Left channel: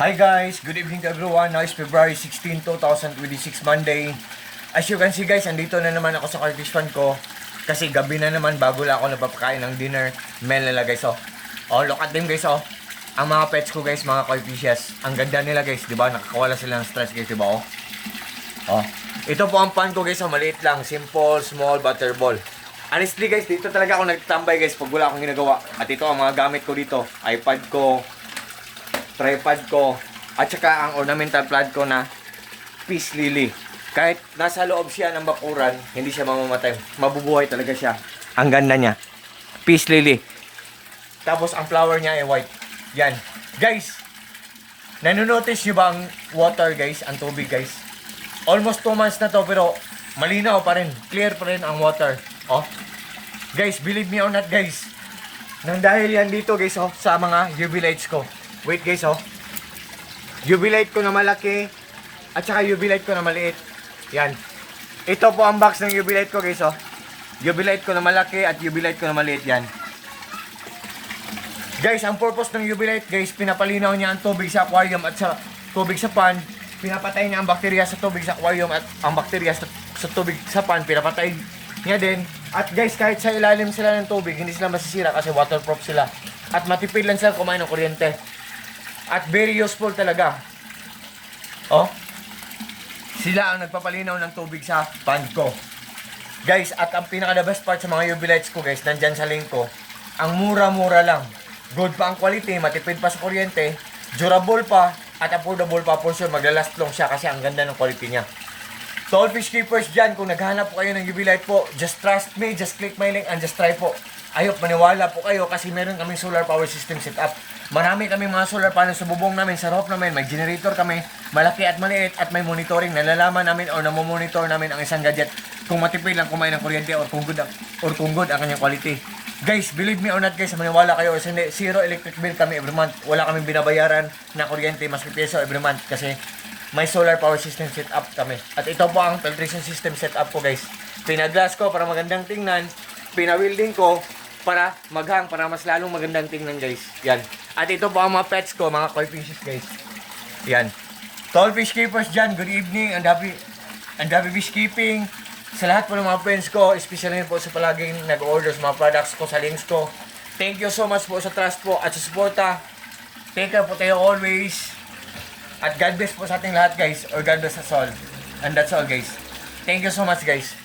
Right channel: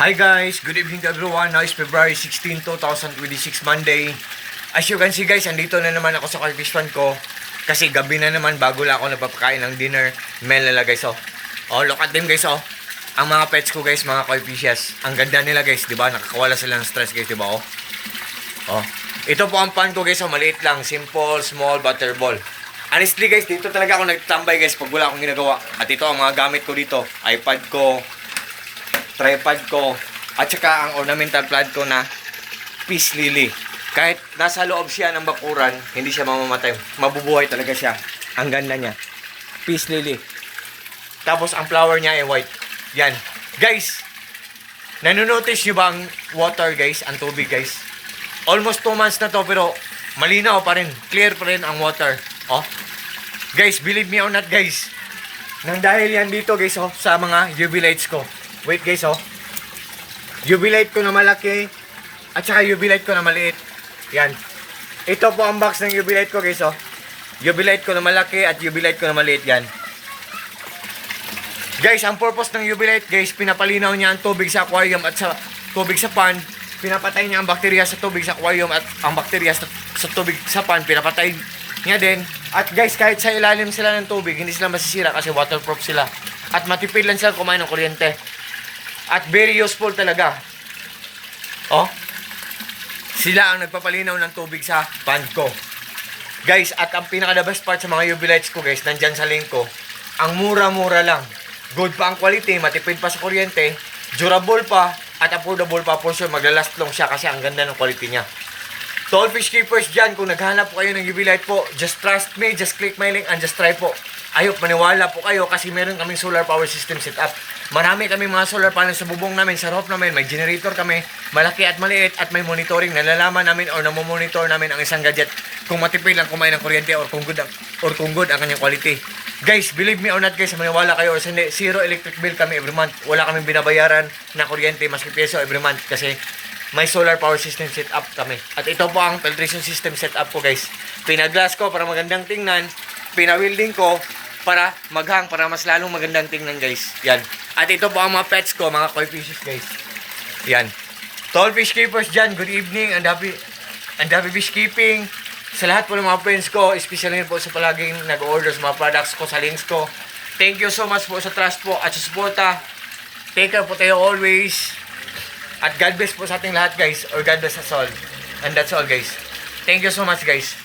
Hi guys, good evening to everyone. Now is February 16, 2026 Monday. As you can see guys, andito na naman ako sa Carfish Fund ko. Kasi gabi na naman bago lang ako napapakain ng dinner. Mel nila guys oh. Oh, look at them guys oh. Ang mga pets ko guys, mga koi fishes. Ang ganda nila guys, di ba? Nakakawala sila ng stress guys, di ba oh? Oh. Ito po ang pan ko guys oh, maliit lang. Simple, small, butterball. Honestly guys, dito talaga ako nagtambay guys pag wala akong ginagawa. At ito ang mga gamit ko dito. iPad ko, tripod ko, at saka ang ornamental plant ko na peace lily. Kahit nasa loob siya ng bakuran, hindi siya mamamatay. Mabubuhay talaga siya. Ang ganda niya. Peace lily. Tapos ang flower niya ay white. Yan. Guys, nanonotice nyo ba ang water guys? Ang tubig guys? Almost 2 months na to pero malinaw pa rin. Clear pa rin ang water. Oh. Guys, believe me or not guys. Nang dahil yan dito guys oh, sa mga UV lights ko. Wait guys oh. UV light ko na malaki at saka UV light ko na maliit. Yan. Ito po ang box ng UV light ko guys oh. UV light ko na malaki at UV light ko na maliit yan. Guys, ang purpose ng UV light guys, pinapalinaw niya ang tubig sa aquarium at sa tubig sa pan. Pinapatay niya ang bakterya sa tubig sa aquarium at ang bakterya sa tubig sa pan pinapatay niya din. At guys, kahit sa ilalim sila ng tubig, hindi sila masisira kasi waterproof sila. At matipid lang sila kumain ng kuryente. At very useful talaga. Oh. Sila ang nagpapalinaw ng tubig sa pan ko. Guys, at ang pinaka the best part sa mga UV lights ko guys, nandyan sa link ko. Ang mura-mura lang. Good pa ang quality, matipid pa sa kuryente, durable pa, at affordable pa for sure. Maglalast long siya kasi ang ganda ng quality niya. To all fish keepers dyan, kung naghanap po kayo ng UV light po, just trust me, just click my link and just try po. Ayop, maniwala po kayo kasi meron kaming solar power system setup. Marami kaming mga solar panels sa bubong namin, sa roof namin, may generator kami, malaki at maliit at may monitoring. Nalalaman namin or namomonitor namin ang isang gadget kung matipid lang kumain ng kuryente or kung good ang kanyang quality. Guys, believe me or not guys, maniwala kayo or hindi, zero electric bill kami every month. Wala kaming binabayaran na kuryente maski peso every month kasi may solar power system setup kami. At ito po ang filtration system setup ko guys. Pinaglass ko para magandang tingnan, pinawilding ko para maghang, para mas lalong magandang tingnan guys. Yan. At ito po ang mga pets ko, mga koi fishes guys. Yan. Tall fish keepers dyan, good evening. And happy fish keeping. Sa lahat po ng mga friends ko, especially po sa palaging nag-order sa mga products ko, sa links ko. Thank you so much po sa trust po at sa suporta. Take care po tayo always. At God bless po sa ating lahat guys. Or God bless us all. And that's all guys. Thank you so much guys.